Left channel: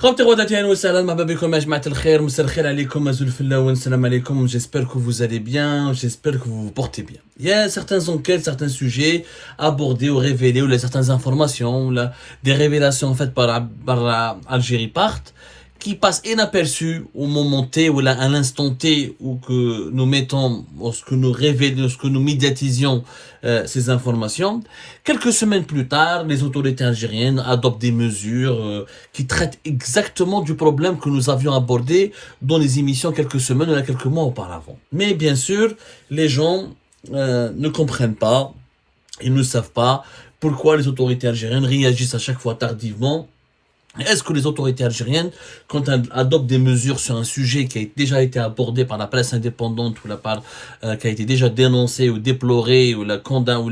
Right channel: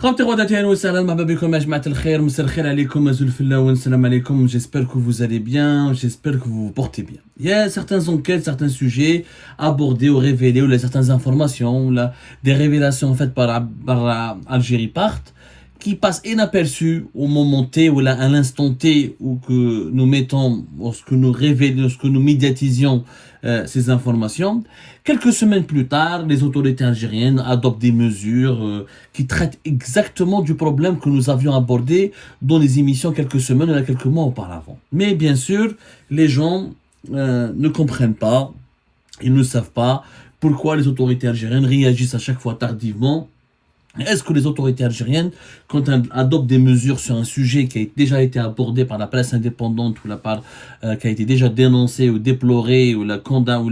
J'espère que vous allez bien, j'espère que vous vous portez bien. Il y a certaines enquêtes, certains sujets abordés ou révélés, ou certaines informations, des révélations faites par Algérie Part, qui passent inaperçues au moment T ou à l'instant T où que nous mettons, lorsque nous révélons, lorsque nous médiatisions ces informations. Quelques semaines plus tard, les autorités algériennes adoptent des mesures qui traitent exactement du problème que nous avions abordé dans les émissions quelques semaines ou quelques mois auparavant. Mais bien sûr, les gens ne comprennent pas, ils ne savent pas pourquoi les autorités algériennes réagissent à chaque fois tardivement. Est-ce que les autorités algériennes, quand elles adoptent des mesures sur un sujet qui a déjà été abordé par la presse indépendante ou qui a été déjà dénoncé ou déploré ou condamné ou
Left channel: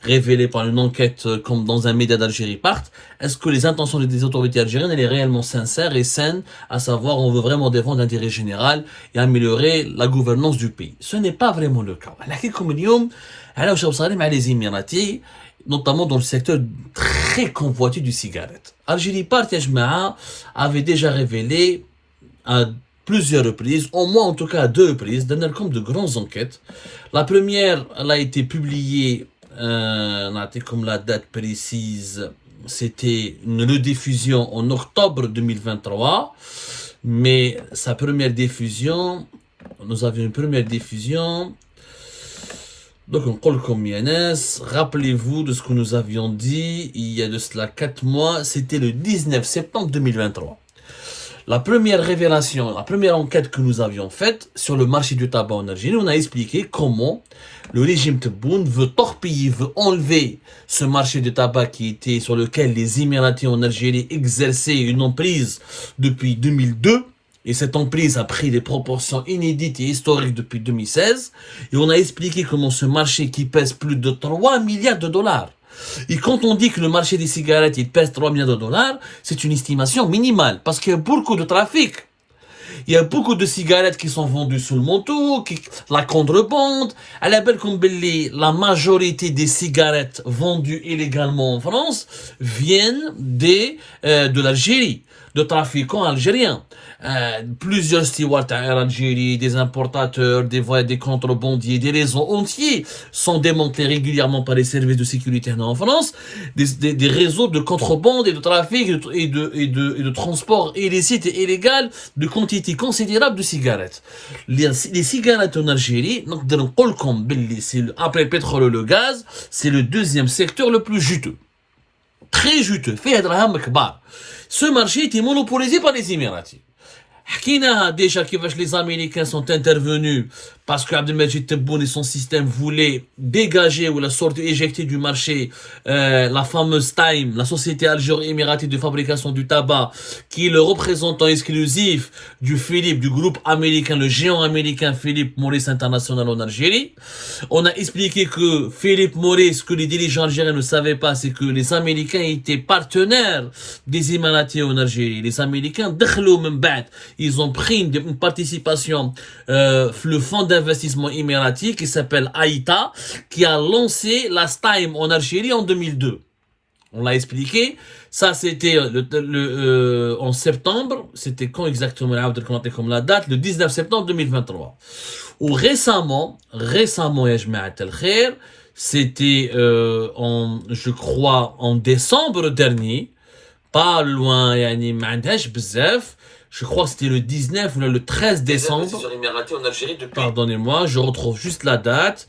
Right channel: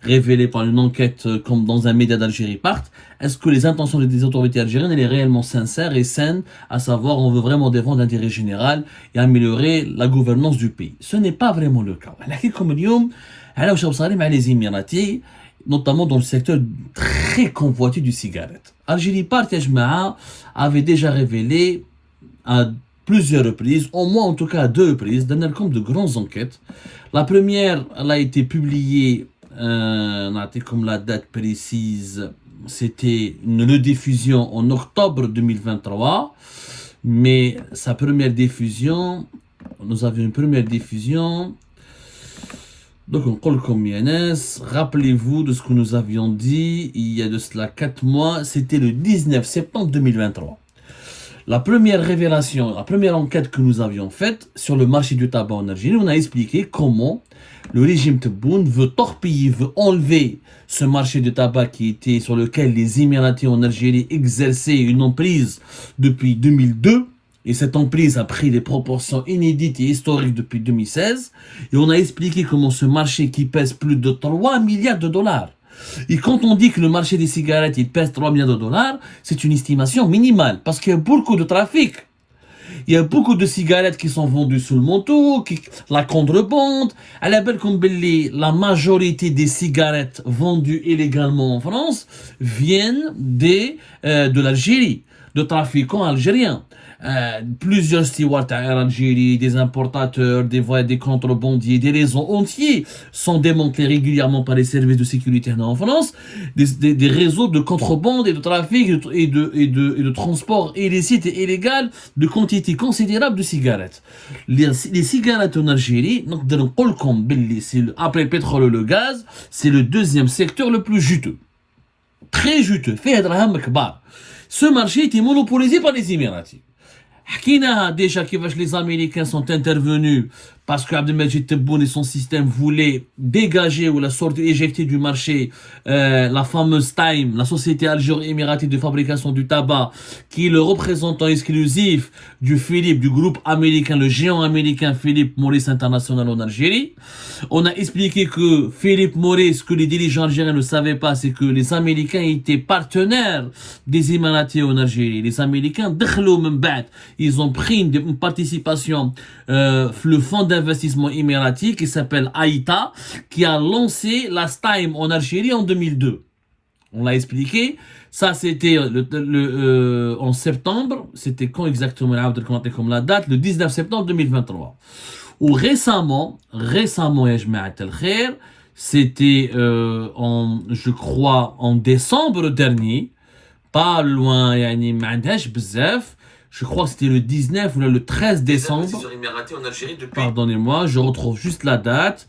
révélé par une enquête comme dans un média d'Algérie Part, est-ce que les intentions des autorités algériennes elles sont réellement sincères et saines, à savoir on veut vraiment défendre l'intérêt général et améliorer la gouvernance du pays? Ce n'est pas vraiment le cas. Les Émiratis, notamment dans le secteur très convoité du cigarette. Algérie Part avait déjà révélé à plusieurs reprises, au moins en tout cas à 2 reprises, d'un compte de grandes enquêtes. La première, elle a été publiée, comme la date précise, c'était une rediffusion en octobre 2023, mais sa première diffusion, nous avions une première diffusion. Donc, rappelez-vous de ce que nous avions dit il y a de cela 4 mois, c'était le 19 septembre 2023. La première révélation, la première enquête que nous avions faite sur le marché du tabac en Algérie, on a expliqué comment le régime Tebboune veut torpiller, veut enlever ce marché du tabac sur lequel les Émiratis en Algérie exerçaient une emprise depuis 2002. Et cette emprise a pris des proportions inédites et historiques depuis 2016. Et on a expliqué comment ce marché qui pèse plus de 3 milliards de dollars. Et quand on dit que le marché des cigarettes il pèse 3 milliards de dollars, c'est une estimation minimale. Parce qu'il y a beaucoup de trafic. Il y a beaucoup de cigarettes qui sont vendues sous le manteau, la contrebande. À la belle la majorité des cigarettes vendues illégalement en France viennent de l'Algérie, de trafiquants algériens. Plusieurs stewards en Algérie, des importateurs, des contrebandiers, des réseaux entiers sont démantelés régulièrement par les services de sécurité en France, des réseaux de contrebande et de trafic et de transport illicite et illégal de quantité considérable de cigarettes. Les cigarettes en Algérie, après le pétrole et le gaz, c'est le deuxième secteur le plus juteux. Très juteux. Ce marché était monopolisé par les Émiratis. Déjà les Américains sont intervenus parce que Abdelmajid Tebboune et son système voulaient dégager ou éjecter du marché la fameuse Time, la société algéro-émiratie de fabrication du tabac, qui est le représentant exclusif du groupe américain, le géant américain Philip Morris International en Algérie. On a expliqué que Philip Morris, ce que les dirigeants algériens ne savaient pas, c'est que les Américains étaient partenaires des Émiratis en Algérie. Les Américains, ils ont pris une participation, le fonds d'investissement émirati qui s'appelle AITA, qui a lancé la Stime en Algérie en 2002. On l'a expliqué. Ça, c'était en septembre. C'était quand exactement, comme la date? Le 19 septembre 2023. Ou récemment, c'était je crois en décembre dernier, pas loin, je crois que c'était le 19 ou le 13 décembre. Pardonnez-moi, je retrouve juste la date.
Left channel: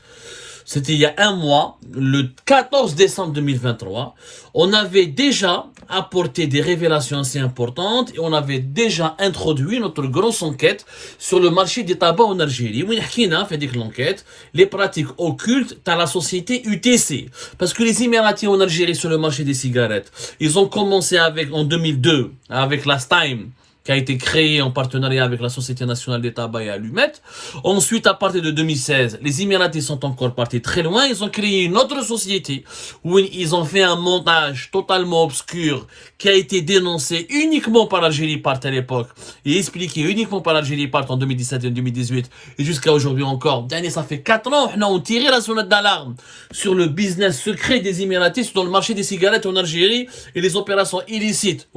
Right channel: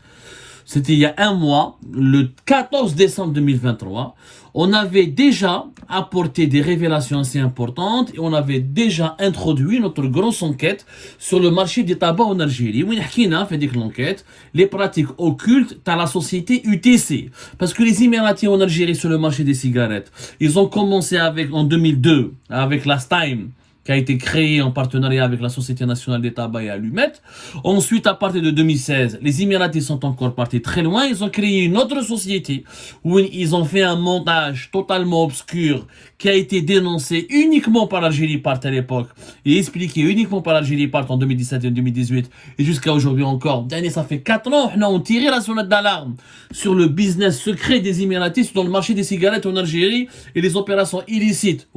C'était il y a 1 mois, le 14 décembre 2023. On avait déjà apporté des révélations assez importantes et on avait déjà introduit notre grosse enquête sur le marché des tabacs en Algérie. On a fait l'enquête, les pratiques occultes dans la société UTC. Parce que les Émiratis en Algérie sur le marché des cigarettes, ils ont commencé en 2002 avec la Stime, qui a été créé en partenariat avec la Société nationale des tabacs et allumettes. Ensuite, à partir de 2016, les Émiratis sont encore partis très loin. Ils ont créé une autre société où ils ont fait un montage totalement obscur qui a été dénoncé uniquement par l'Algérie Part à l'époque et expliqué uniquement par l'Algérie Part en 2017 et 2018 et jusqu'à aujourd'hui encore. Ça fait 4 ans qu'on a tiré la sonnette d'alarme sur le business secret des Émiratis dans le marché des cigarettes en Algérie et les opérations illicites.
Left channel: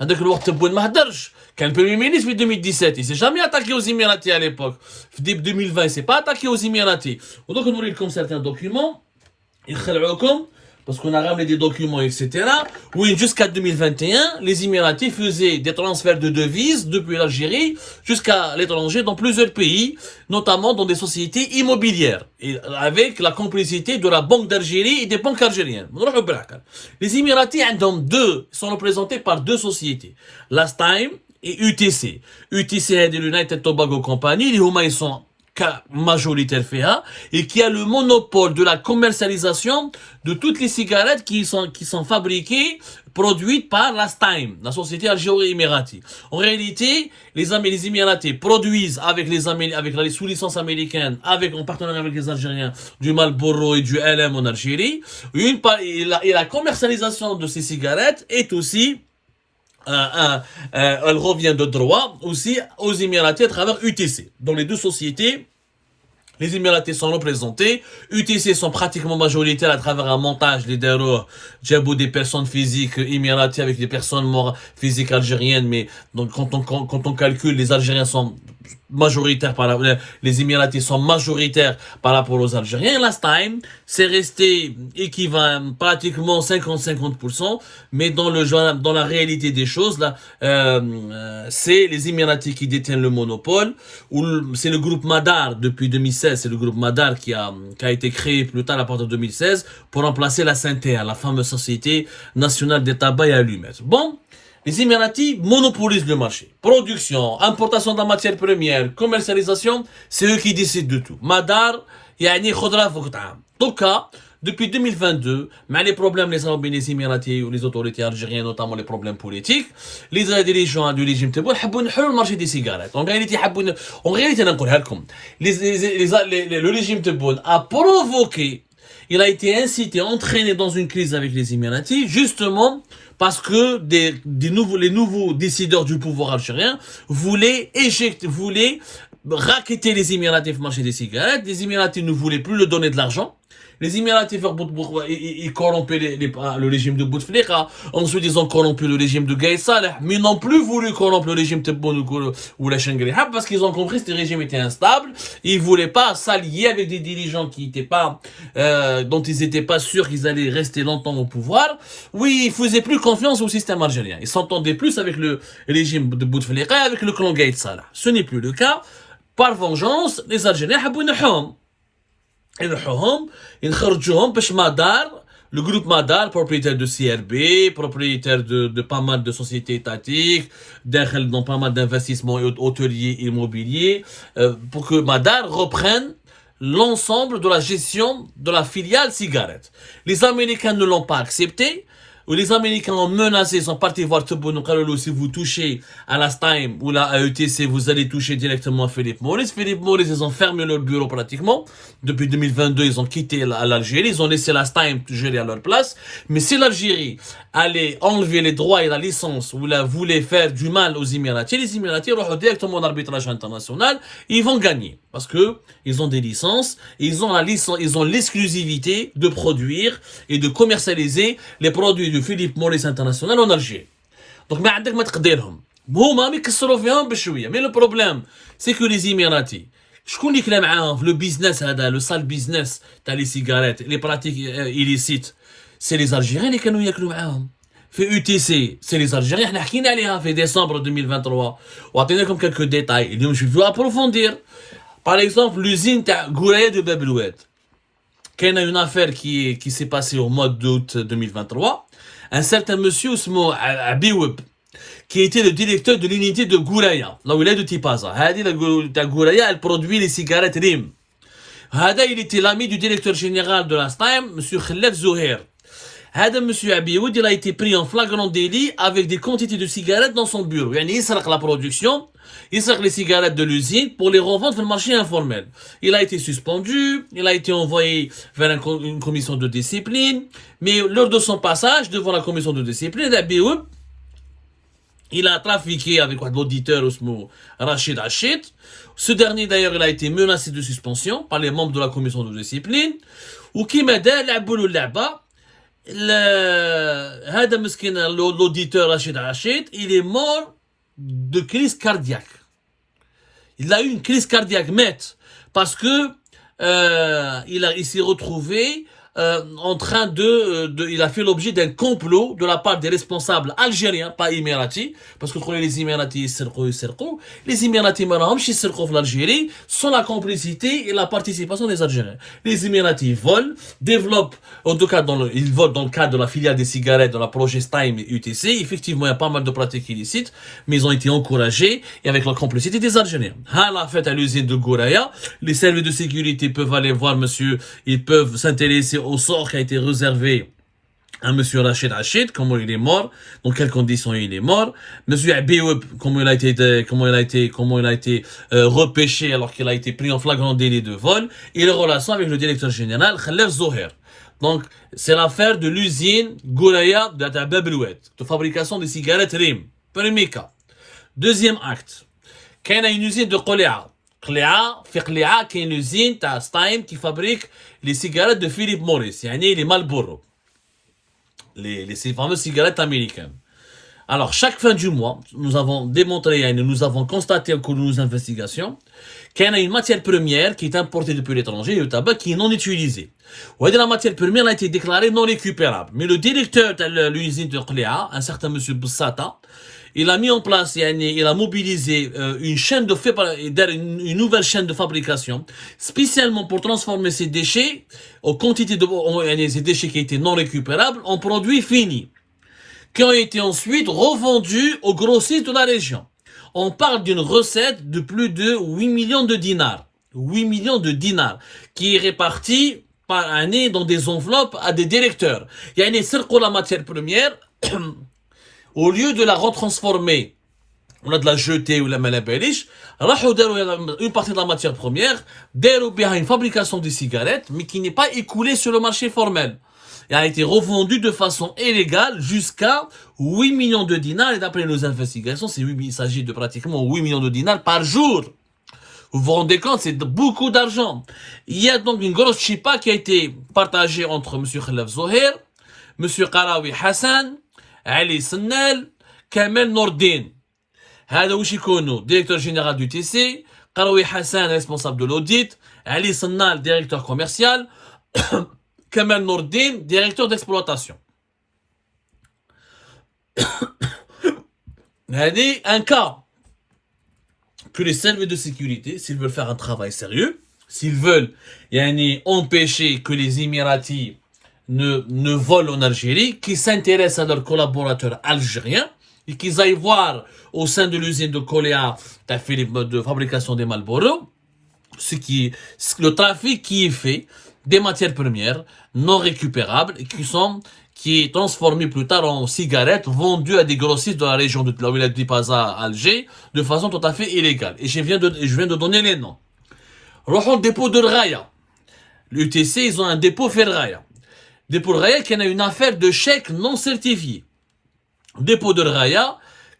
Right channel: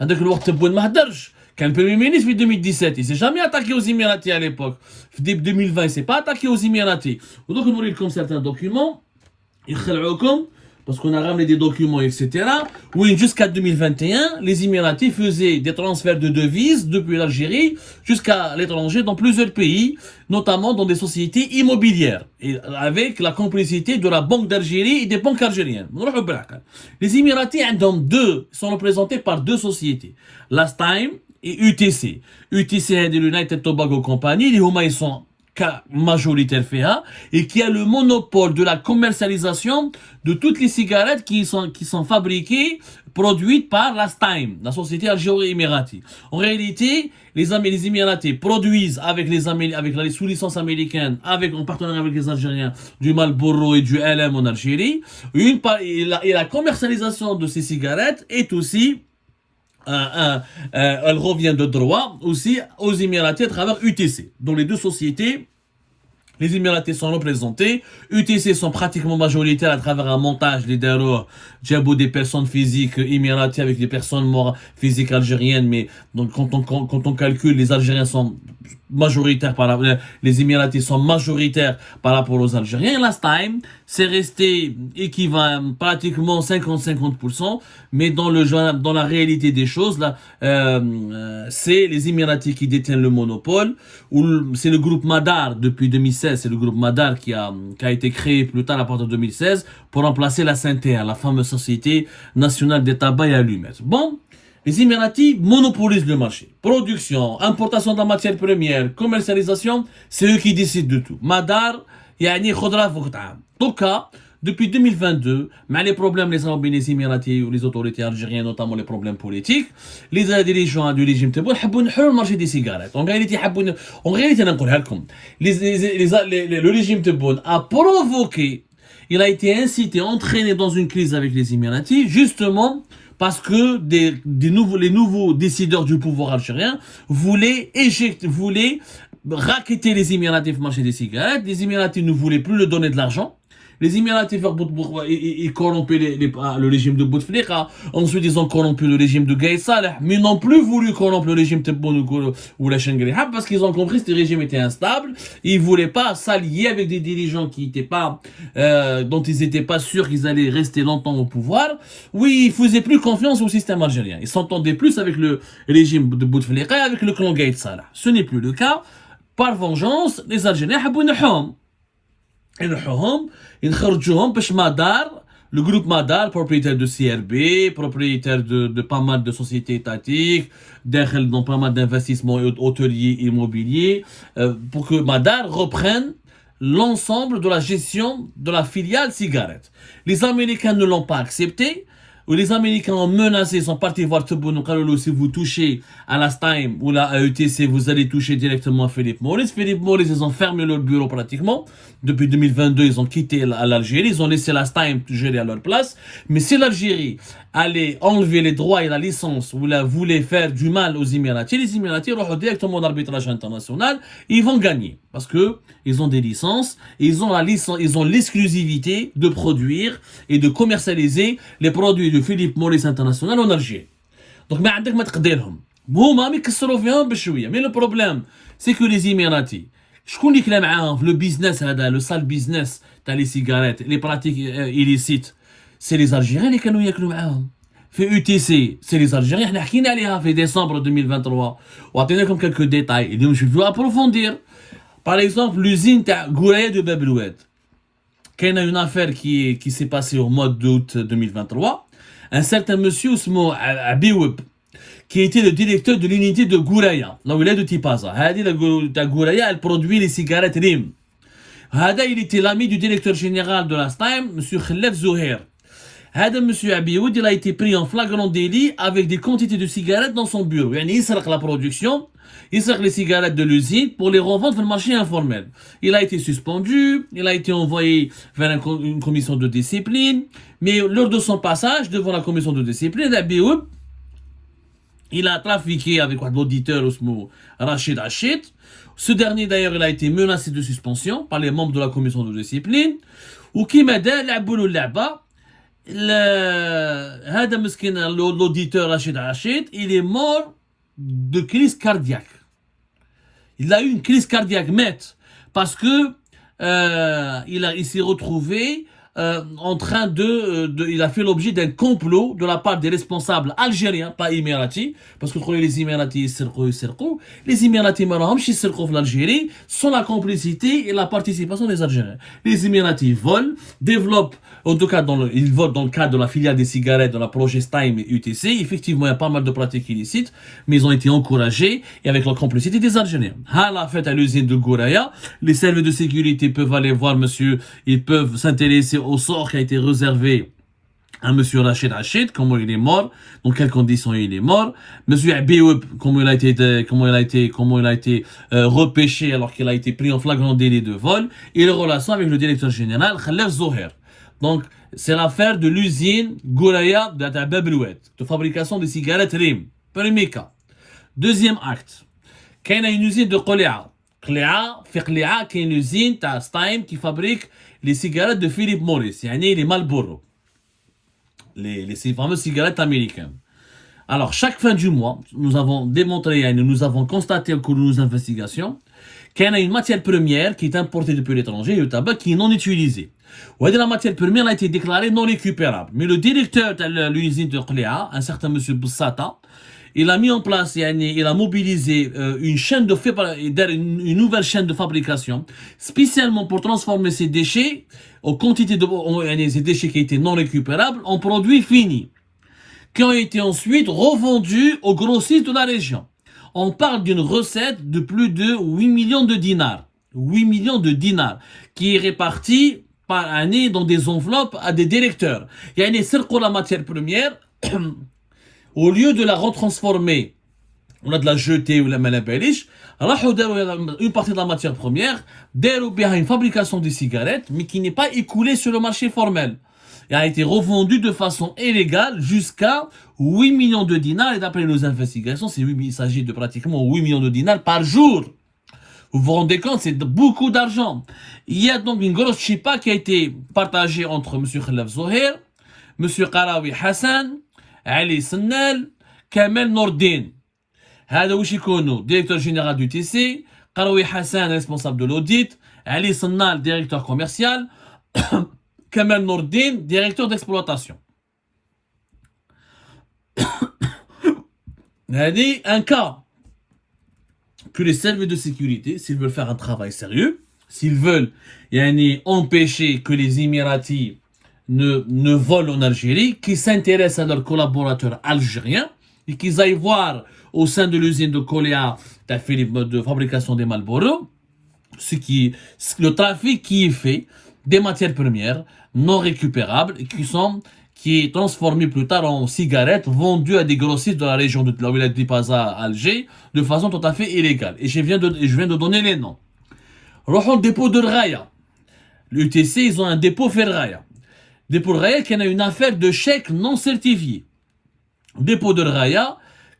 هذاك الوقت تبون ما هدرش كان Premier ministre في 2017 il s'est jamais attaqué aux Émiratis à l'époque في début 2020 il s'est pas attaqué aux Émiratis ودونك نوري لكم certains documents يخلعوكم parce qu'on a ramené des documents, etc. Oui, jusqu'à 2021, les Émiratis faisaient des transferts de devises depuis l'Algérie jusqu'à l'étranger dans plusieurs pays, notamment dans des sociétés immobilières, et avec la complicité de la Banque d'Algérie et des banques algériennes. Les Émiratis sont représentés par deux sociétés, Last Time et UTC. UTC c'est l'United Tobacco Company, ils sont majoritaire FEA et qui a le monopole de la commercialisation de toutes les cigarettes qui sont fabriquées, produites par Last Time, la société algéro-émiratie. En réalité, les Émiratis produisent avec la sous-licence américaine, en partenariat avec les Algériens, du Marlboro et du LM en Algérie. Et la commercialisation de ces cigarettes est aussi elle revient de droit aussi aux Émiratis à travers UTC. Dans les deux sociétés, les Émiratis sont représentés. UTC sont pratiquement majoritaires à travers un montage, les des personnes physiques émiratis avec des personnes physiques algériennes. Mais donc, quand on calcule, les Algériens sont majoritaires les Émiratis sont majoritaires par rapport aux Algériens. Last Time, c'est resté équivalent pratiquement 50-50%, mais dans la réalité des choses, là, c'est les Émiratis qui détiennent le monopole, c'est le groupe Madar depuis 2016, c'est le groupe Madar qui a été créé plus tard à partir de 2016 pour remplacer la SNTR, la fameuse Société Nationale des Tabacs et Allumettes. Bon, les Émiratis monopolisent le marché. Production, importation de la matière première, commercialisation, c'est eux qui décident de tout. Madar, yani khudra fouqta'am. Donc, depuis 2022, mais les problèmes les Émiratis ou les autorités algériennes, notamment les problèmes politiques, les dirigeants du régime Tebboune veulent le marché des cigarettes. En réalité, le régime Tebboune a provoqué, il a été incité, entraîné dans une crise avec les Émiratis, justement parce que les nouveaux décideurs du pouvoir algérien voulaient racketter les Émiratis au marché des cigarettes. Les Émiratis ne voulaient plus leur donner de l'argent. Les Émiratis ils corrompaient le régime de Bouteflika. Ensuite, ils ont corrompu le régime de Gaïd Saleh, mais n'ont plus voulu corrompre le régime Tebboune ou la Chengrihab parce qu'ils ont compris que ce régime était instable. Ils voulaient pas s'allier avec des dirigeants dont ils n'étaient pas sûrs qu'ils allaient rester longtemps au pouvoir. Oui, ils faisaient plus confiance au système algérien. Ils s'entendaient plus avec le régime de Bouteflika et avec le clan Gaïd Saleh. Ce n'est plus le cas. Par vengeance, les Algériens le groupe Madar, propriétaire de CRB, propriétaire de pas mal de sociétés étatiques, dans pas mal d'investissements hôteliers et immobiliers, pour que Madar reprenne l'ensemble de la gestion de la filiale cigarette. Les Américains ne l'ont pas accepté. Où les Américains ont menacé, ils sont partis voir Tebboune, si vous touchez à Last Time ou à ETC, vous allez toucher directement à Philippe Morris. Philippe Morris, ils ont fermé leur bureau pratiquement. Depuis 2022, ils ont quitté l'Algérie, ils ont laissé Last Time gérer à leur place. Mais si l'Algérie allait enlever les droits et la licence ou voulait faire du mal aux Émiratis, les Émiratis vont directement en arbitrage international, ils vont gagner. Parce que ils ont des licences, ils ont l'exclusivité de produire et de commercialiser les produits de Philippe Morris International en Algérie. Donc, mais عندك ما تقدرهم. هما يكسروا فيهم بشويه. Mais le problème, c'est que les Émiratis, شكون اللي كلا معاهم في le business هذا, le sale business تاع les cigarettes, les pratiques illicites, c'est les Algériens اللي كانوا ياكلوا معاهم. في UTC, c'est les Algériens, احنا حكينا عليها في décembre 2023 وعطيناكم quelques détails. اليوم je vais approfondir. Par exemple, l'usine Gouraya de Babloued. Il y a une affaire qui s'est passée au mois d'août 2023. Un certain monsieur Ousmo Abiweb, qui était le directeur de l'unité de Gouraya, là où il est de Tipaza. Gouraya, elle produit les cigarettes RIM. Il était l'ami du directeur général de Last Time, monsieur Khalef Zouher. Monsieur Abiwoud, il a été pris en flagrant délit avec des quantités de cigarettes dans son bureau. Il sert la production, il sert les cigarettes de l'usine pour les revendre sur le marché informel. Il a été suspendu, il a été envoyé vers une commission de discipline, mais lors de son passage devant la commission de discipline, Abiwoud, il a trafiqué avec l'auditeur Rachid Hachid. Ce dernier d'ailleurs, il a été menacé de suspension par les membres de la commission de discipline. Ou qui m'a dit, هذا مسكين l'auditeur Rachid Rachid, il est mort de crise cardiaque. Il a eu une crise cardiaque, parce que il s'est retrouvé en train il a fait l'objet d'un complot de la part des responsables algériens, pas émiratis, parce que les Émiratis les Émiratis en l'Algérie sont la complicité et la participation des Algériens. Les Émiratis volent, développent, en tout cas ils volent dans le cadre de la filiale des cigarettes de la Progestime et UTC. Effectivement, il y a pas mal de pratiques illicites, mais ils ont été encouragés et avec la complicité des Algériens. À la fête à l'usine de Gouraya, les services de sécurité peuvent aller voir monsieur, ils peuvent s'intéresser au sort qui a été réservé à monsieur Rachid Rachid, comment il est mort, dans quelles conditions il est mort, monsieur Abioub, comment il a été repêché alors qu'il a été pris en flagrant délit de vol, et les relations avec le directeur général Khalef Zoher. Donc, c'est l'affaire de l'usine Gouraya de Blouet, de fabrication des cigarettes RIM. Premier cas. Deuxième acte. Quand il y a une usine de Qoléa, في قليعة كاين usine تاع ستايم qui fabrique les cigarettes de Philip Morris, يعني les Marlboro, les fameuses cigarettes américaines. Alors, chaque fin du mois, nous avons démontré, nous avons constaté au cours de nos investigations qu'il y a une matière première qui est importée depuis l'étranger, le tabac, qui est non utilisée. La matière première a été déclarée non récupérable. Mais le directeur de l'usine de Qléa, un certain monsieur Boussata, il a mis en place, il a mobilisé une nouvelle chaîne de fabrication, spécialement pour transformer ces déchets, ces déchets qui étaient non récupérables, en produits finis, qui ont été ensuite revendus aux grossistes de la région. On parle d'une recette de plus de 8 millions de dinars. 8 millions de dinars, qui est répartie par année dans des enveloppes à des directeurs. Il y a une la matière première, au lieu de la retransformer, on a de la jeter ou la malabéliche, une partie de la matière première, une fabrication de cigarettes, mais qui n'est pas écoulée sur le marché formel. Elle a été revendue de façon illégale jusqu'à 8 millions de dinars, et d'après nos investigations, il s'agit de pratiquement 8 millions de dinars par jour. Vous vous rendez compte, c'est beaucoup d'argent. Il y a donc une grosse chipa qui a été partagée entre M. Khalef Zoher, M. Qarawi Hassan, Ali Sennel, Kamel Nordin. هذا وش يكونوا directeur général du TC, Qarawi Hassan responsable de l'audit, Ali Sennel directeur commercial, Kamel Nordin directeur d'exploitation. هذه un cas que les services de sécurité, s'ils veulent faire un travail sérieux, s'ils veulent empêcher que les Émiratis ne volent en Algérie, qui s'intéressent à leurs collaborateurs algériens et qu'ils aillent voir au sein de l'usine de Qoléa de fabrication des Marlboro le trafic qui est fait des matières premières non récupérables et qui est transformé plus tard en cigarettes vendues à des grossistes de la région de la Wilaya d'Ipaza à Alger de façon tout à fait illégale. Et je viens de donner les noms. Le dépôt de Raya. L'UTC, ils ont un dépôt fait Raya. Dépôt de Raya qui a une affaire de chèques non certifiés. Dépôt de Raya,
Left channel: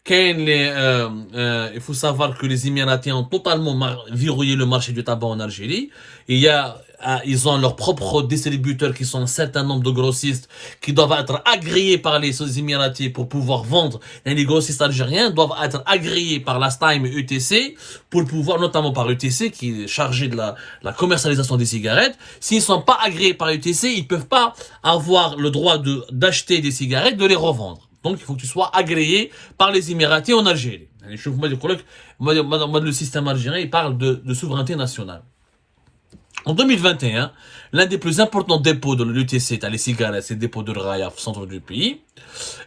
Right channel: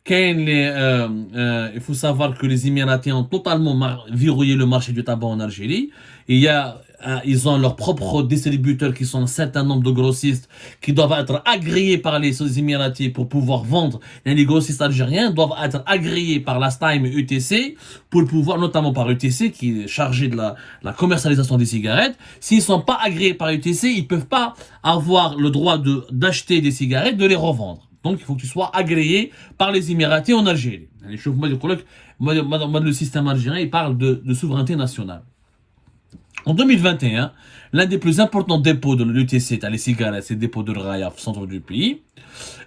il faut savoir que les Émiratis ont totalement verrouillé le marché du tabac en Algérie. Ils ont leurs propres distributeurs qui sont un certain nombre de grossistes qui doivent être agréés par les Émiratis pour pouvoir vendre. Et les grossistes algériens doivent être agréés par la STIME et UTC pour pouvoir, notamment par UTC qui est chargé de la commercialisation des cigarettes. S'ils ne sont pas agréés par UTC, ils ne peuvent pas avoir le droit d'acheter des cigarettes, de les revendre. Donc il faut que tu sois agréé par les Émiratis en Algérie. Le système algérien, il parle de souveraineté nationale. En 2021, l'un des plus importants dépôts de l'UTC, les cigarettes, c'est le dépôt de Raya, au centre du pays.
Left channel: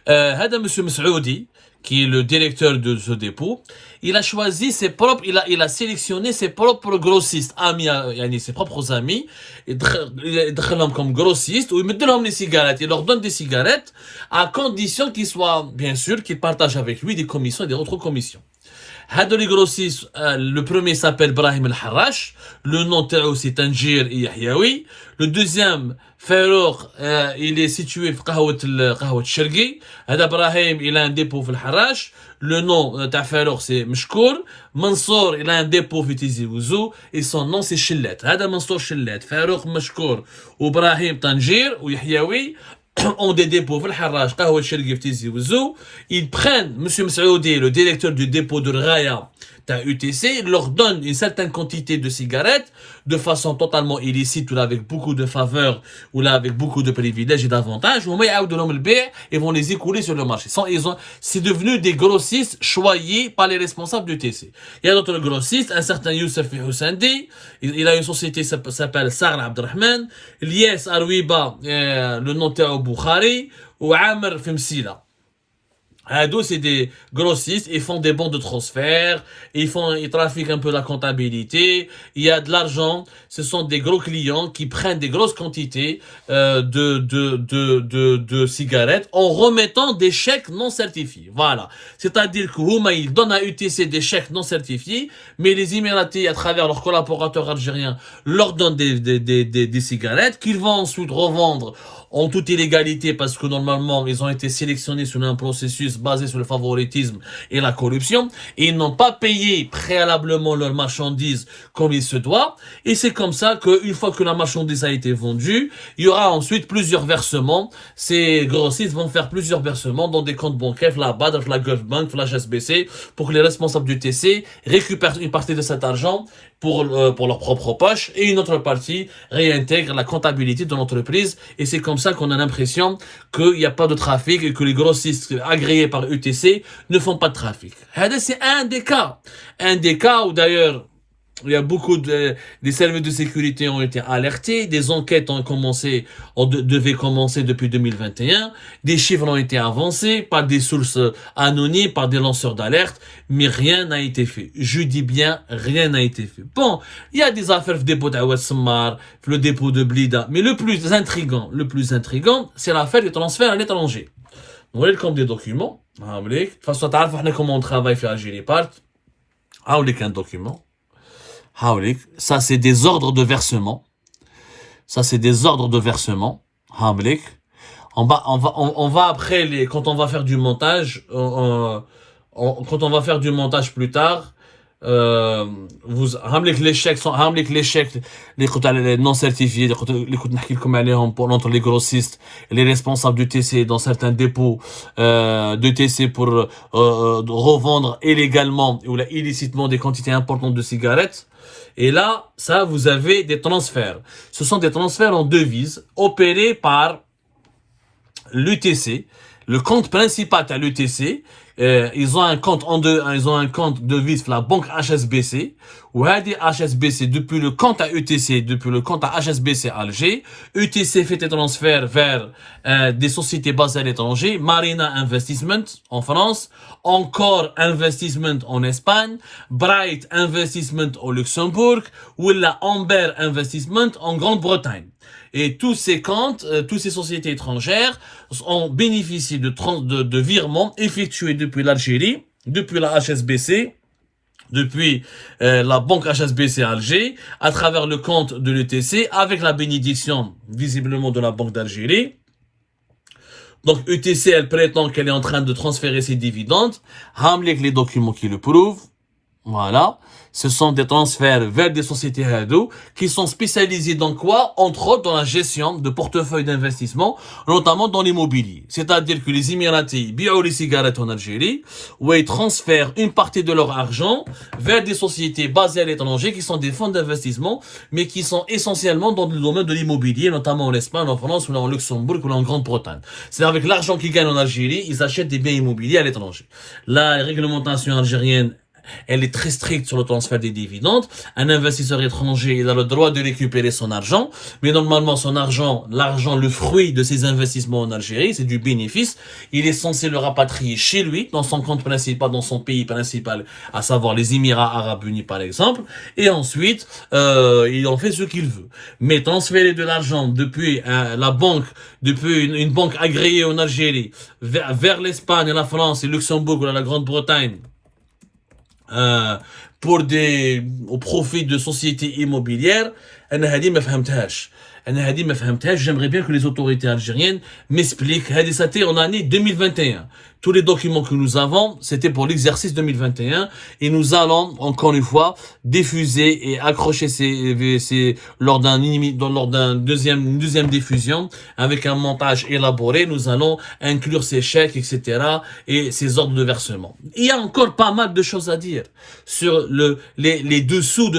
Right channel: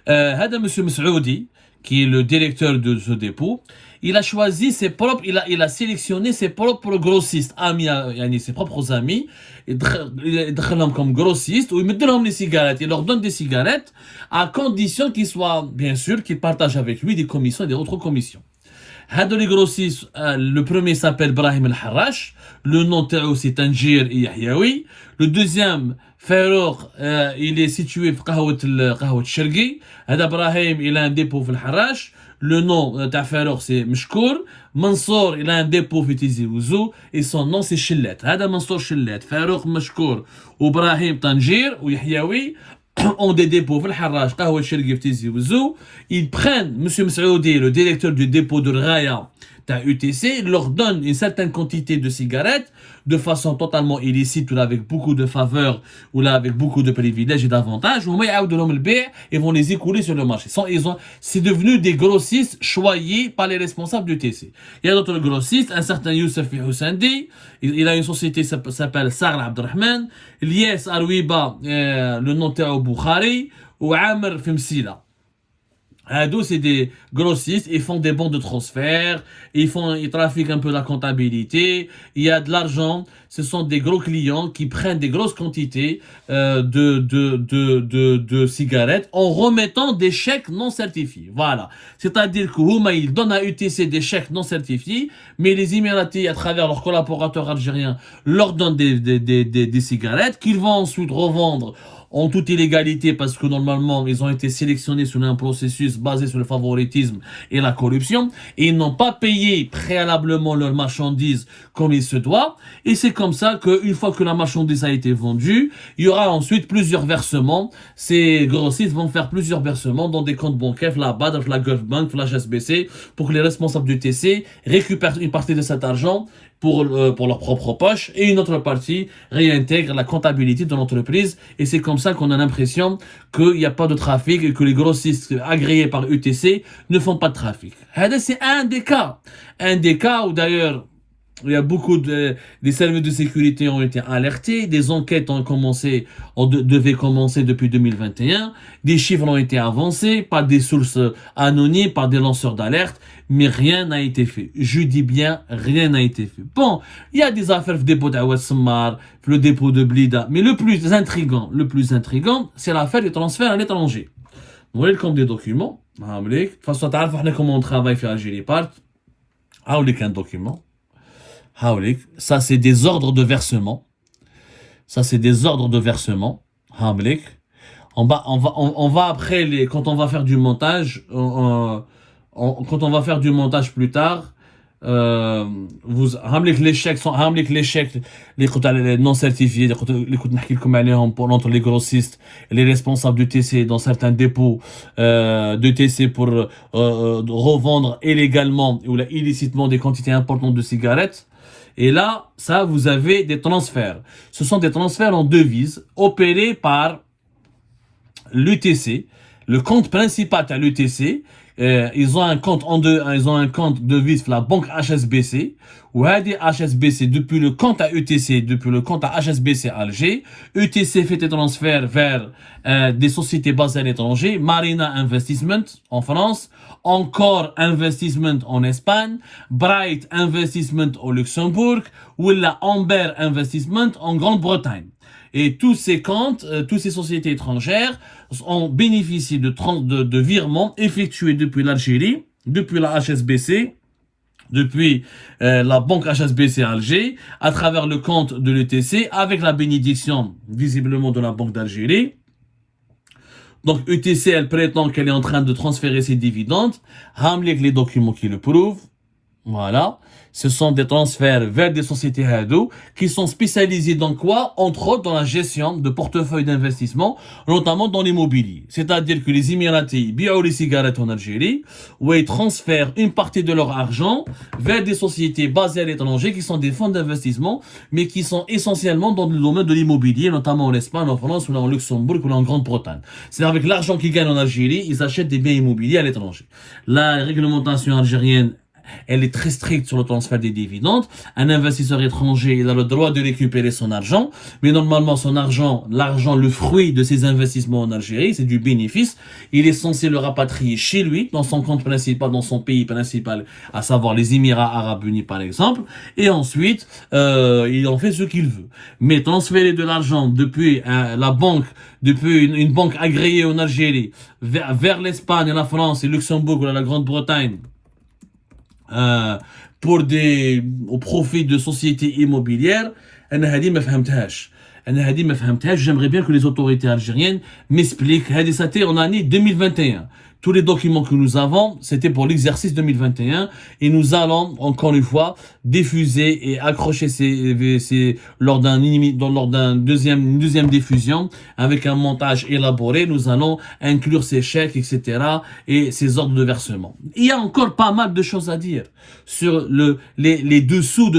M. Messoudi, qui est le directeur de ce dépôt, il a choisi il a sélectionné ses propres grossistes, ses propres amis, il comme grossistes, où il met les cigarettes, il leur donne des cigarettes, à condition qu'ils partagent avec lui des commissions et des autres commissions. Les grossistes, le premier s'appelle Brahim El-Harrash, le nom c'est Tanjir et Yahyaoui. Le deuxième, Farouk, il est situé à Qahwat Shergi. Brahim, il a un dépôt في الحراش. Le nom de Farouk c'est Meshkour. Mansour, il a un dépôt في Tizi Ouzou et son nom c'est Chillet. هذا Mansour Chillet, Farouk Meshkour, ou Brahim Tanjir ou Yahyaoui. ont des dépôts في الحراج قهوة الشرقي في تيزي وزو. Ils prennent monsieur Msaoudi, le directeur du dépôt de Raya UTC, leur donne une certaine quantité de cigarettes de façon totalement illicite ou là avec beaucoup de faveurs ou là avec beaucoup de privilèges et d'avantages. Ils vont les écouler sur le marché. C'est devenu des grossistes choyés par les responsables du TC. Il y a notre grossiste, un certain Youssef Houssandi. Il a une société qui s'appelle Sar Abdelrahman. Lies Arouiba, le notaire au Bukhari, ou Amr Femsila. C'est des grossistes, ils font des bons de transfert, ils trafiquent un peu la comptabilité, il y a de l'argent, ce sont des gros clients qui prennent des grosses quantités de cigarettes en remettant des chèques non certifiés. Voilà. C'est-à-dire que ils donnent à UTC des chèques non certifiés, mais les Émiratis, à travers leurs collaborateurs algériens, leur donnent des cigarettes qu'ils vont ensuite revendre en toute illégalité parce que normalement ils ont été sélectionnés sur un processus basé sur le favoritisme et la corruption et ils n'ont pas payé préalablement leurs marchandises comme il se doit et c'est comme ça qu'une fois que la marchandise a été vendue, il y aura ensuite plusieurs versements. Ces grossistes vont faire plusieurs versements dans des comptes bancaires, la BAD, la Gulf Bank, la HSBC pour que les responsables du TC récupèrent une partie de cet argent pour leur propre poche et une autre partie réintègre la comptabilité de l'entreprise et c'est comme ça qu'on a l'impression qu'il n'y a pas de trafic et que les grossistes agréés par UTC ne font pas de trafic. C'est un des cas où d'ailleurs il y a beaucoup des services de sécurité ont été alertés, des enquêtes devaient commencer depuis 2021, des chiffres ont été avancés par des sources anonymes, par des lanceurs d'alerte, mais rien n'a été fait. Je dis bien, rien n'a été fait. Bon, il y a des affaires de dépôt d'Awad Sammar, le dépôt de Blida, mais le plus intriguant, c'est l'affaire des transferts à l'étranger. Vous voyez comme des documents, de toute façon, tu sais comment on travaille sur Algérie Part, un document. Ça c'est des ordres de versement. On va après quand on va faire du montage, quand on va faire du montage plus tard, les chèques les non certifiés, entre les grossistes et les responsables du TC dans certains dépôts de TC pour revendre illégalement ou illicitement des quantités importantes de cigarettes. Et là, ça, vous avez des transferts. Ce sont des transferts en devises opérés par l'UTC. Le compte principal à l'UTC, ils ont un compte devise la banque HSBC. Ou HSBC, depuis le compte à UTC, depuis le compte à HSBC Alger, UTC fait des transferts vers des sociétés basées à l'étranger, Marina Investment en France, Encore Investment en Espagne, Bright Investment au Luxembourg, ou la Amber Investment en Grande-Bretagne. Et tous ces comptes, toutes ces sociétés étrangères ont bénéficié de virements effectués depuis l'Algérie, depuis la HSBC, depuis la banque HSBC Alger, à travers le compte de l'UTC, avec la bénédiction visiblement de la Banque d'Algérie. Donc UTC, elle prétend qu'elle est en train de transférer ses dividendes. Hamlik les documents qui le prouvent. Voilà. Ce sont des transferts vers des sociétés Hado qui sont spécialisées dans quoi? Entre autres dans la gestion de portefeuilles d'investissement, notamment dans l'immobilier. C'est-à-dire que les Émiratis billent les cigarettes en Algérie, où ils transfèrent une partie de leur argent vers des sociétés basées à l'étranger qui sont des fonds d'investissement, mais qui sont essentiellement dans le domaine de l'immobilier, notamment en Espagne, en France, ou en Luxembourg, ou en Grande-Bretagne. C'est avec l'argent qu'ils gagnent en Algérie, ils achètent des biens immobiliers à l'étranger. La réglementation algérienne, elle est très stricte sur le transfert des dividendes. Un investisseur étranger, il a le droit de récupérer son argent, mais normalement son argent, le fruit de ses investissements en Algérie, c'est du bénéfice. Il est censé le rapatrier chez lui, dans son compte principal, dans son pays principal, à savoir les Émirats Arabes Unis par exemple, et ensuite il en fait ce qu'il veut. Mais transférer de l'argent depuis la banque, depuis une banque agréée en Algérie, vers l'Espagne, la France, et Luxembourg ou la Grande-Bretagne, au profit de sociétés immobilières, j'aimerais bien que les autorités algériennes m'expliquent. C'était en année 2021. tous les documents que nous avons, c'était pour l'exercice 2021 et nous allons, encore une fois, diffuser et accrocher lors d'une deuxième diffusion avec un montage élaboré. Nous allons inclure ces chèques, etc. et ces ordres de versement. Il y a encore pas mal de choses à dire sur les dessous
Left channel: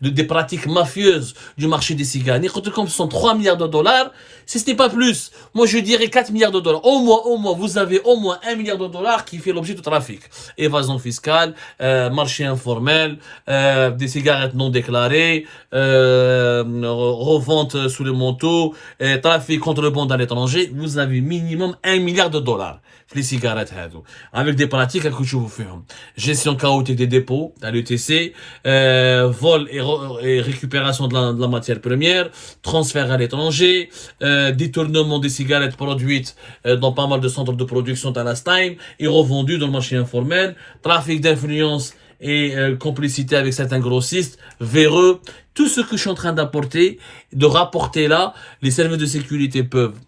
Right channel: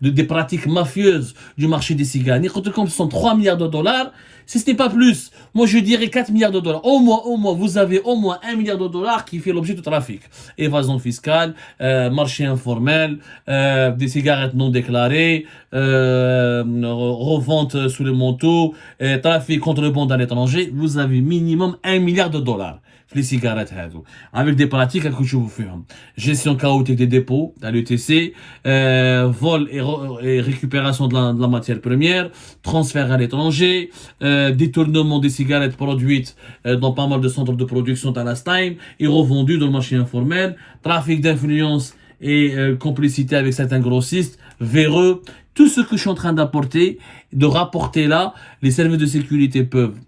des pratiques mafieuses du marché des cigarettes. Comme ce sont 3 milliards de dollars, ce n'est pas plus. Moi, je dirais 4 milliards de dollars. Au moins, vous avez au moins 1 milliard de dollars qui fait l'objet de trafic. Évasion fiscale, marché informel, des cigarettes non déclarées, revente sous le manteau, trafic contrebande à l'étranger. Vous avez minimum 1 milliard de dollars. Les cigarettes, avec des pratiques que je vous fais. Gestion chaotique des dépôts à l'ETC, vol et récupération de la matière première, transfert à l'étranger, détournement des cigarettes produites dans pas mal de centres de production à la Stein et revendues dans le marché informel, trafic d'influence et complicité avec certains grossistes, véreux. Tout ce que je suis en train de rapporter là, les services de sécurité peuvent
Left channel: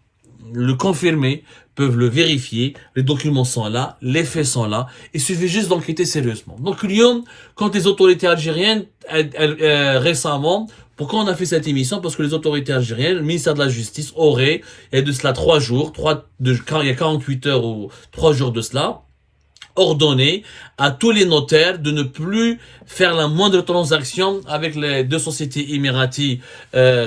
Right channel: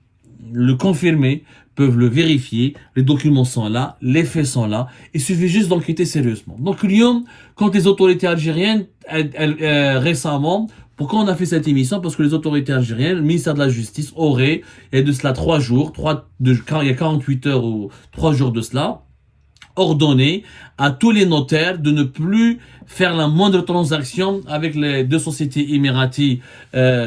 le confirmer, peuvent le vérifier, les documents sont là, les faits sont là, il suffit juste d'enquêter sérieusement. Donc Lyon, quand les autorités algériennes, récemment, pourquoi on a fait cette émission? Parce que les autorités algériennes, le ministère de la Justice aurait, il y a de cela 3 jours, il y a 48 heures ou 3 jours de cela, ordonné à tous les notaires de ne plus faire la moindre transaction avec les 2 sociétés émiraties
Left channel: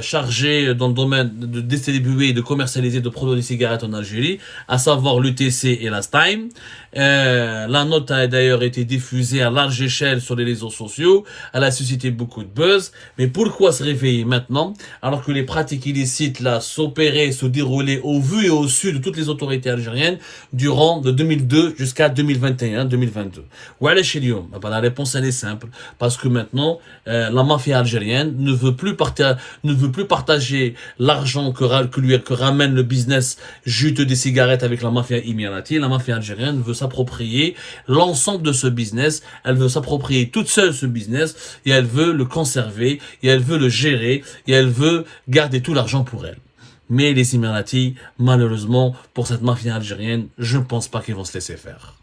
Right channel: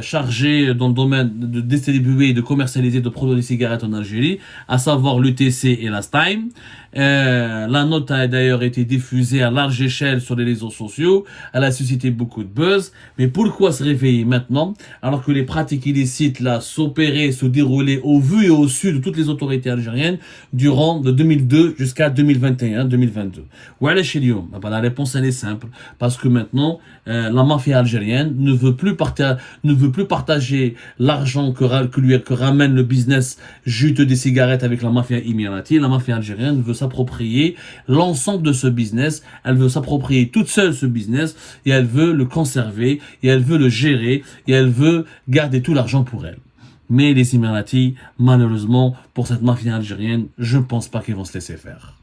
chargées dans le domaine de distribuer et de commercialiser de produits de cigarettes en Algérie, à savoir l'UTC et la Stein. La note a d'ailleurs été diffusée à large échelle sur les réseaux sociaux. Elle a suscité beaucoup de buzz. Mais pourquoi se réveiller maintenant alors que les pratiques illicites là s'opéraient, se déroulaient au vu et au su de toutes les autorités algériennes durant de 2002 jusqu'à 2021-2022? Voilà chez Lyon. La réponse elle est simple. Parce que maintenant, la mafia algérienne ne veut plus partager l'argent que ramène le business juteux des cigarettes avec la mafia émirati. La mafia algérienne veut s'approprier l'ensemble de ce business. Elle veut s'approprier toute seule ce business et elle veut le conserver et elle veut le gérer et elle veut garder tout l'argent pour elle. Mais les Émiratis, malheureusement, pour cette mafia algérienne, je ne pense pas qu'ils vont se laisser faire.